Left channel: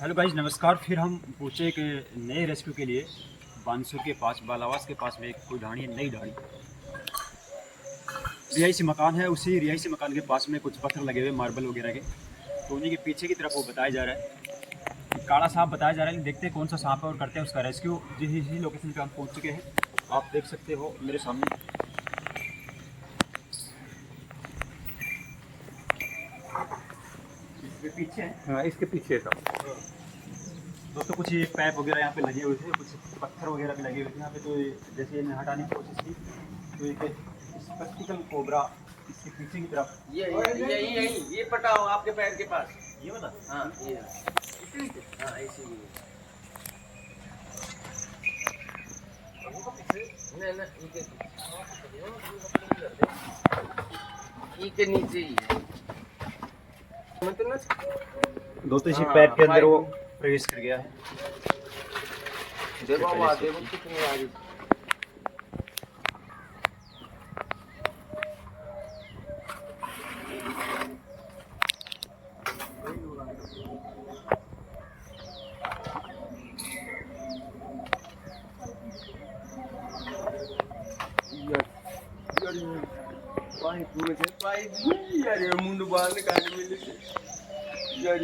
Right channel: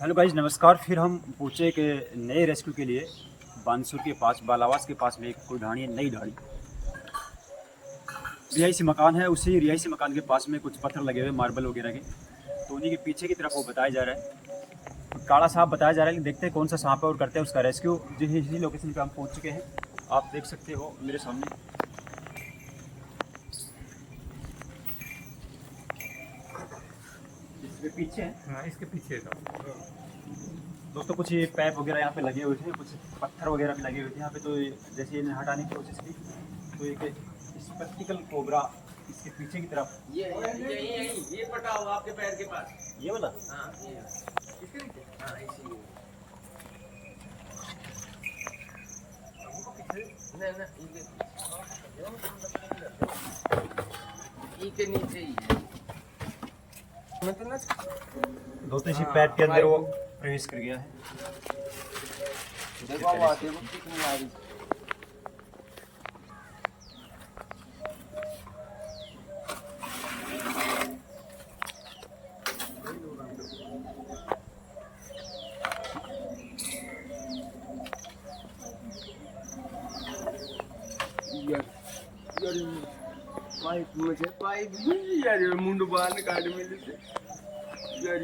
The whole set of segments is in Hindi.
हेलो गाइज, नमस्कार। फिर हम पहुँचे एक नए रेस्क्यू के लिए बानसूर के पास, बालावास के पास में कोई ढाणी है, नई ढाणी रिहायशी मकान है। उसी रिहायशी मकान के पास में कुछ पत्थर लगे हुए मार्बल वगैरह के, तो उन्हीं के पीछे की तरफ वो बताया जा रहा है, तो काला सांप बताया जा रहा है। देखते हैं कौन सा सांप है और करते हैं उसका रेस्क्यू। जिस लोकेशन पे हम पहुँच चुके हैं, आप देख सकते हो मेरे सामने। इसके पीछे है, हाँ, इसके पीछे था दोस्तों कुछ ये पाइप वगैरह यहाँ पे लगे हुए थे, कुछ पत्थर वगैरह भी लगे हुए थे यहाँ पे। तो जैसे इन्हें हटाने की कोशिश की तो एक स्पेक्टिकल कोबरा इसके पीछे की तरफ ये पटाओ आपके पैर के पास। ये बता। हाँ ये हाँ इसीलिए के नीचे ही दोस्तों इसी पाइप के अंदर वो प्रवेश कर गया है। देखो आवाज़ कितनी आ रही। पाइप में से पाइप यार मुंड बाहर निकालने में से यार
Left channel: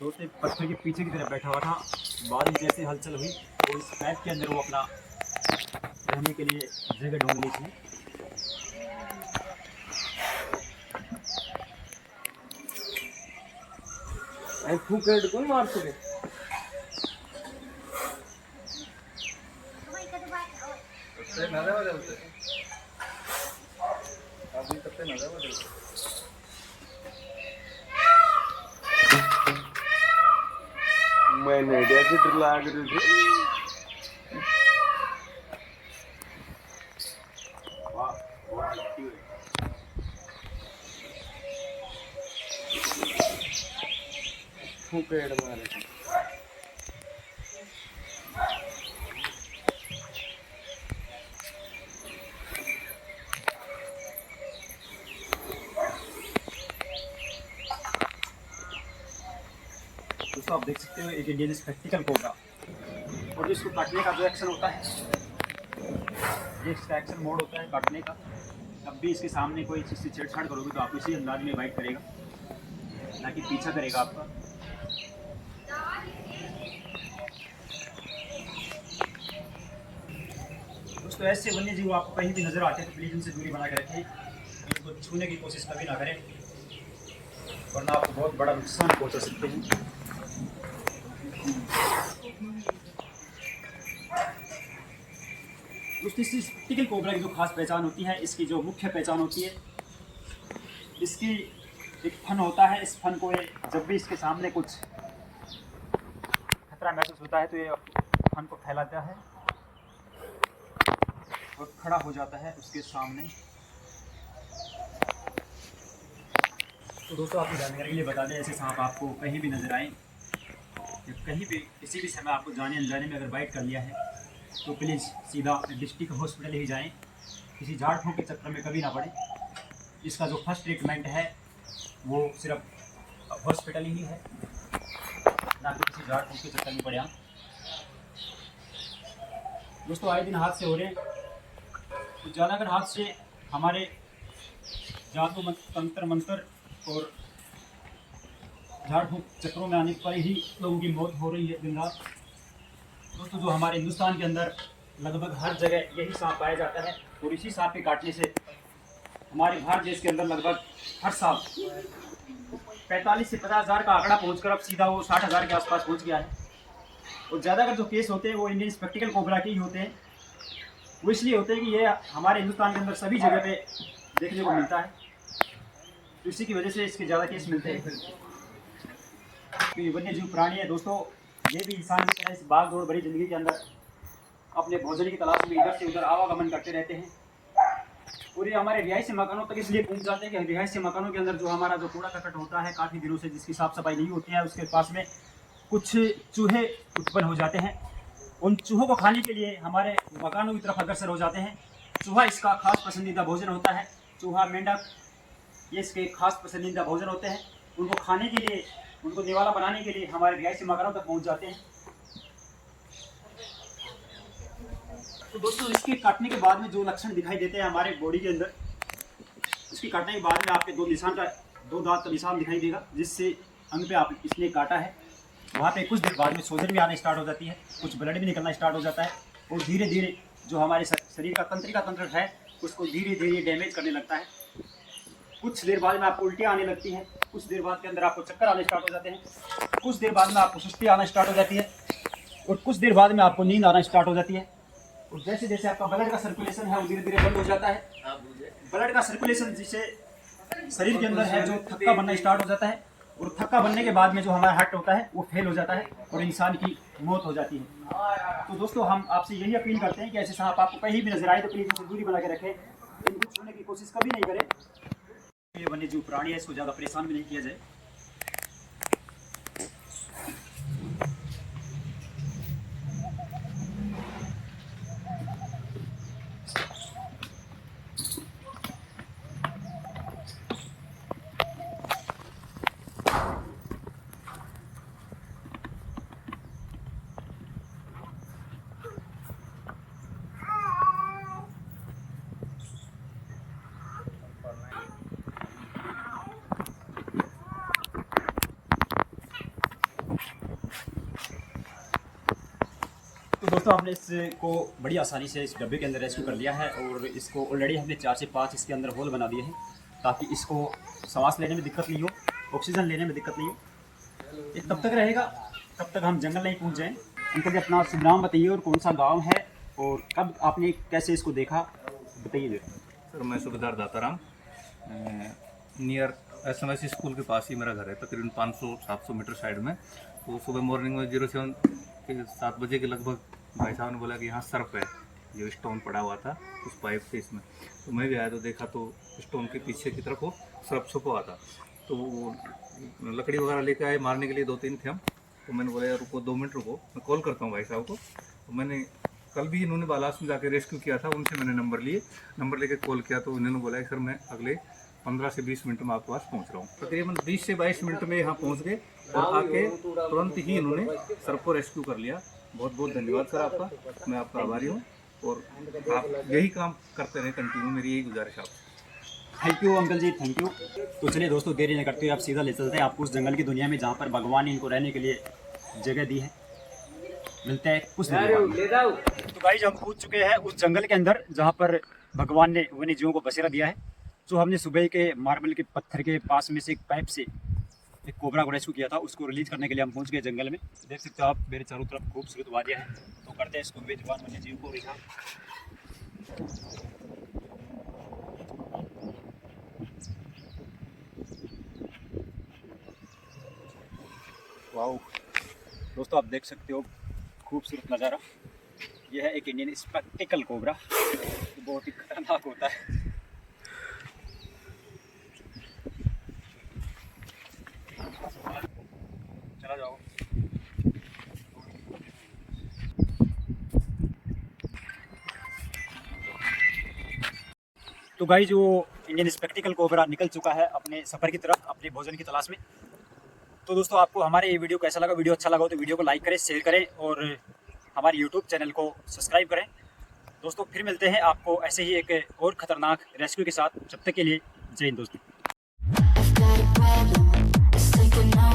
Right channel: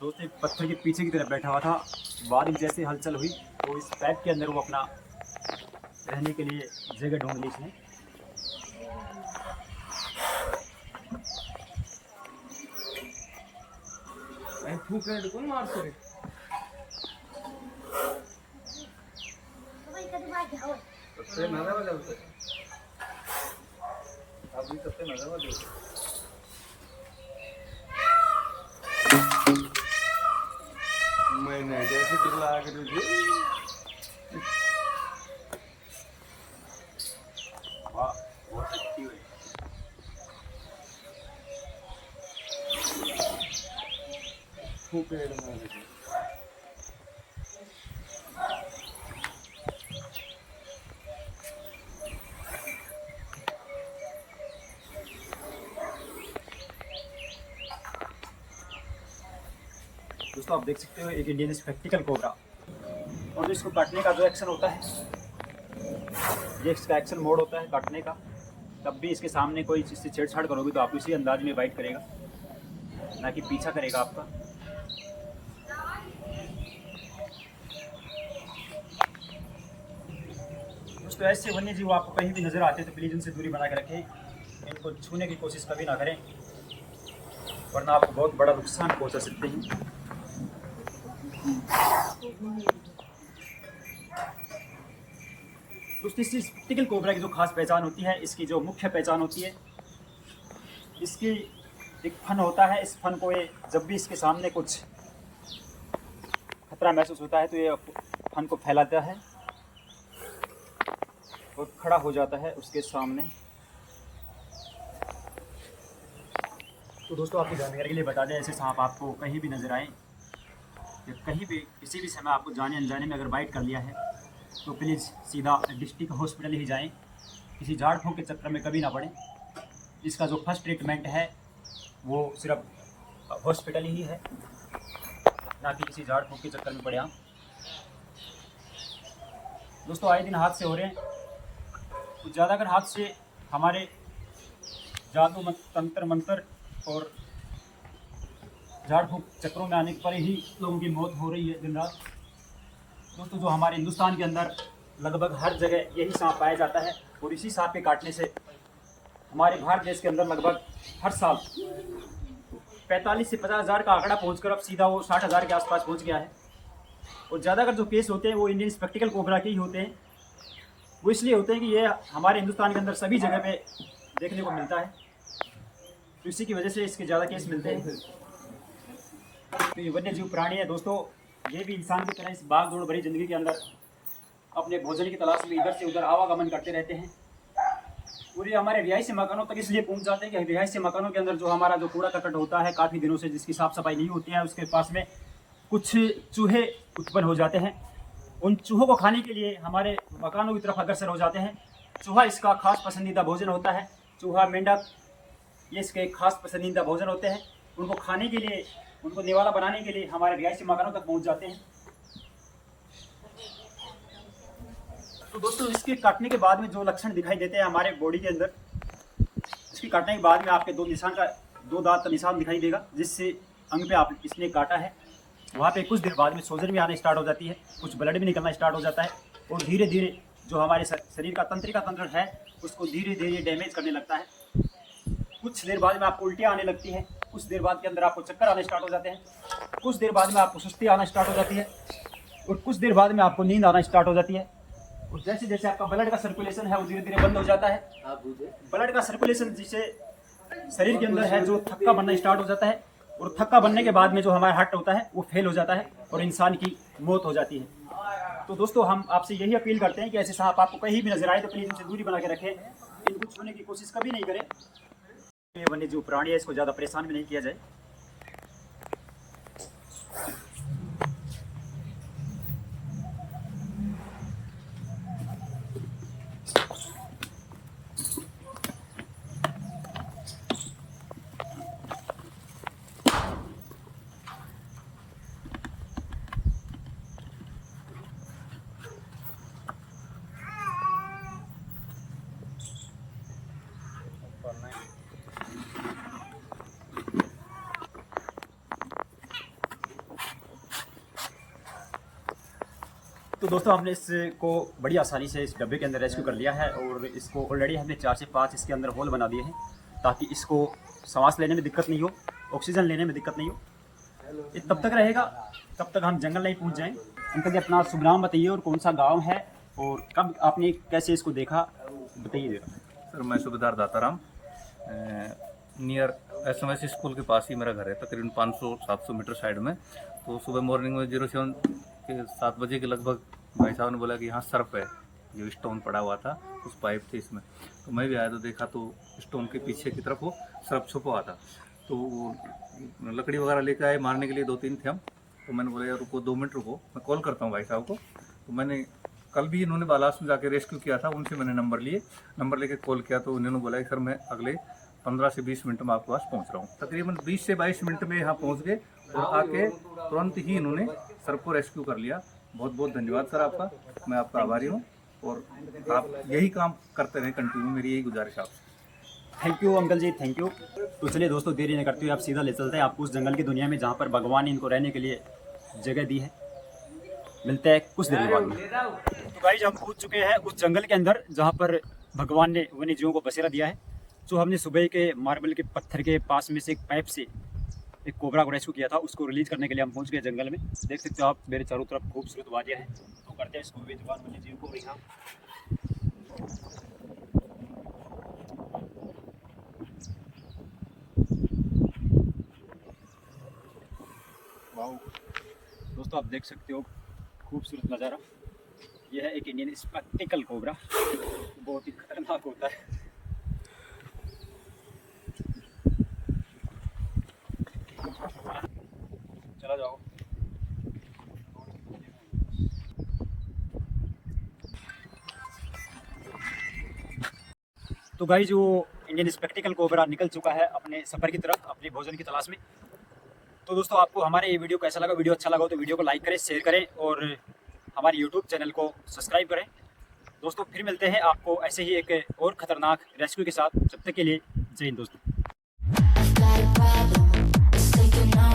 दोस्तों एक पत्थर के पीछे की तरफ बैठा हुआ था। बाद में जैसे हलचल हुई तो इस पाइप के अंदर वो अपना रहने के लिए जगह ढूंढ ली थी। फूकेट कौन मार सके सबसे नजर बदलते अभी सबसे नजर बदलते मैंने जैसे ड्रिला करी थी फूकेट मारे थे। दोस्तों आप देख सकते हो एक इंडियन स्पेक्टिकल कोबरा, और इसको काटने का जो एक्शन होता है, ये इसका एक्शन मोड होता है काटने का। तब भी इसके सामने कोई चीज़ से छेड़छाड़ करोगे तो आप इसी अंदाज में बाइट करेगा, ना कि पीछा करेगा आपका। दोस्तों ऐसे वन्य जीव आपको कहीं भी नजर आते हैं तो प्लीज़ उनसे दूरी बना के रखें। इनको छूने की कोशिश कभी ना करें, वरना आपको बहुत बड़ा नुकसान पहुंचा सकते हैं। दोस्तों इस स्पेक्टिकल कोबरा की जो खास पहचान होती है, इसकी जो मुख्य पहचान होती है, इसकी एक फन होता है। इस फन को ये जब भी इसके सामने कुछ खतरा महसूस होता है तो ये फन को फैलाता है और खड़ा हो जाता है उसके सामने। तो दोस्तों आपकी जानकारी के लिए बता दें, ऐसे सांप आपको कहीं भी नजर आए या कहीं भी किसी भी समय आपको जाने अनजाने में अगर बाइट कर लिया है तो प्लीज़ सीधा डिस्ट्रिक्ट हॉस्पिटल ही जाएं। किसी झाड़ फूँक के चक्कर में कभी ना पड़ें। इसका जो फर्स्ट ट्रीटमेंट है वो सिर्फ हॉस्पिटल ही है, ना कि किसी झाड़ फूँक के चक्कर में पड़े आप। दोस्तों आए दिन हादसे हो रहे हैं, कुछ ज़्यादातर हादसे हमारे जादू तंत्र मंत्र और झाड़ फूँक चक्करों में आने पर ही लोगों की मौत हो रही है दिन रात। दोस्तों जो हमारे हिंदुस्तान के अंदर लगभग हर जगह यही सांप पाया जाता है, और इसी सांप के काटने से हमारे भारत देश के अंदर लगभग हर साल 45 से 50 हज़ार का आंकड़ा पहुंचकर अब सीधा वो 60 हज़ार के आसपास पहुंच गया है। और ज़्यादातर जो केस होते हैं वो इंडियन स्पेक्टिकल कोबरा के ही होते हैं। वो इसलिए होते हैं कि ये हमारे हिंदुस्तान के अंदर सभी जगह पे देखने को मिलता है, तो इसी की वजह से इसके ज़्यादा केस मिलते हैं। तो ये वन्य जीव प्राणी है दोस्तों, ये भी इंसान की तरह इस भाग दौड़ भरी ज़िंदगी के अंदर अपने भोजन की तलाश में इधर से उधर आवागमन करते रहते हैं। और ये हमारे रिहायशी मकानों तक इसलिए पहुंच जाते हैं कि रिहायशी मकानों के अंदर जो हमारा जो कूड़ा करकट होता है काफ़ी दिनों से, जिसकी साफ़ सफाई नहीं होती है, उसके पास में कुछ चूहे उत्पन्न हो जाते हैं। उन चूहों को खाने के लिए हमारे मकानों की तरफ अग्रसर हो जाते हैं। चूहा इसका खास पसंदीदा भोजन होता है। चूहा, मेंढक ये इसके खास पसंदीदा भोजन होते हैं। उनको खाने के लिए उनको निवाला बनाने के लिए हमारे रिहायशी मकानों तक पहुंच जाते हैं। तो दोस्तों इसके काटने के बाद में जो लक्षण दिखाई देते हैं हमारे बॉडी के अंदर, इसकी काटने के बाद में आपके दो दांत का निशान दिखाई देगा, जिससे अंग पे आप इसने काटा है वहाँ पे कुछ देर बाद में सोजन भी आना स्टार्ट हो जाती है, कुछ ब्लड भी निकलना स्टार्ट हो जाता है और धीरे धीरे जो हमारे शरीर का तंत्रिका तंत्र है उसको धीरे धीरे डैमेज करने लगता है। कुछ देर बाद में आपको उल्टियाँ आने लगती हैं, कुछ देर बाद के अंदर आपको चक्कर आने स्टार्ट हो जाते हैं, कुछ देर बाद में आपको सुस्ती आना स्टार्ट हो जाती है और कुछ देर बाद में आपको नींद आना स्टार्ट हो जाती है। और जैसे जैसे आपका ब्लड का सर्कुलेशन है वो धीरे धीरे बंद हो जाता है। ब्लड का सर्कुलेशन जिसे शरीर के अंदर है जो थक्का बनना स्टार्ट हो जाता है और थक्का बनने के बाद में जो हमारा हार्ट होता है वो फेल हो जाता है और इंसान की मौत हो जाती है। तो दोस्तों हम आपसे यही अपील करते हैं कि ऐसे सांप आपको कहीं भी नजर आए तो प्लीज़ इनसे दूरी बना के रखें, इनको छूने की कोशिश कभी नहीं करें। ये वन्य जो प्राणी है इसको ज़्यादा परेशान भी नहीं किया जाए। तो दोस्तों हमने इसको बड़ी आसानी से इस डब्बे के अंदर रेस्क्यू कर लिया है और इसको ऑलरेडी हमने 4 से 5 इसके अंदर होल बना दिए हैं ताकि इसको सांस लेने में दिक्कत नहीं हो, ऑक्सीजन लेने में दिक्कत नहीं हो। ये तब तक रहेगा तब तक हम जंगल नहीं पहुंच जाएं। अंकल जी अपना शुभ नाम बताइए और कौन सा गांव है और कब आपने कैसे इसको देखा बताइए जरा। सर मैं सूबेदार दाताराम, नियर SMS स्कूल के पास ही मेरा घर है, तकरीबन 500-700 मीटर साइड में। तो सुबह मॉर्निंग में 07 के 7 बजे के लगभग भाई साहब ने बोला कि यहाँ सर्फ है, जो स्टोन पड़ा हुआ था उस पाइप के इसमें। तो मैं भी आया तो देखा तो स्टोन के पीछे की तरफ वो सर्फ छुपा हुआ था। तो वो लकड़ी वगैरह लेकर आए मारने के लिए 2-3 थे हम। तो मैंने बोला यार रुको 2 मिनट रुको, मैं कॉल करता हूँ भाई साहब को। तो मैंने कल भी इन्होंने बालास में जाके रेस्क्यू किया था, उनसे मैंने नंबर लेके कॉल किया। तो उन्होंने बोला कि सर मैं अगले 15 से 20 मिनट में आपके पास पहुंच रहा हूं। तकरीबन 20 से 22 मिनट में यहाँ पहुंच गए और आके तुरंत ही इन्होंने सर को रेस्क्यू कर लिया। बहुत बहुत धन्यवाद सर आपका, मैं आपका आभारी हूँ और आप यही काम करते रहें कंटिन्यू, मेरी यही गुजारिश आपसे। थैंक यू अंकल जी, थैंक यू। तो चलिए दोस्तों देरी नहीं करते हुए आप सीधा ले चलते हैं आपको उस जंगल की दुनिया में जहाँ पर भगवान ने इनको रहने के लिए जगह दी है। मिलते हैं कुछ देर के बाद में। तो गाइस हम पहुंच चुके हैं उस जंगल के अंदर जहाँ पर भगवान ने वन्य जीवों को बसेरा दिया है। जो हमने सुबह के मार्बल के पत्थर के पास में से एक पाइप से एक कोबरा को रेस्क्यू किया था, उसको रिलीज करने के लिए हम पहुंच गए जंगल में। देख सकते हो आप मेरे चारों तरफ खूबसूरत वादियाँ हैं। तो करते हैं इसको बेजुबान वन्य जीव को रिहा। वाओ दोस्तों आप देख सकते हो खूबसूरत नज़ारा। यह है एक इंडियन स्पेक्टिकल कोबरा, बहुत ही खतरनाक होता है। चला जाओ। तो गाइस जो इंडियन स्पेक्टिकल कोबरा निकल चुका है अपने सफ़र की तरफ, अपने भोजन की तलाश में। तो दोस्तों आपको हमारे ये वीडियो कैसा लगा? वीडियो अच्छा लगा हो तो वीडियो को लाइक करें, शेयर करें और हमारे यूट्यूब चैनल को सब्सक्राइब करें। दोस्तों फिर मिलते हैं आपको ऐसे ही एक और ख़तरनाक रेस्क्यू के साथ। जब तक के लिए जय हिंद दोस्तों।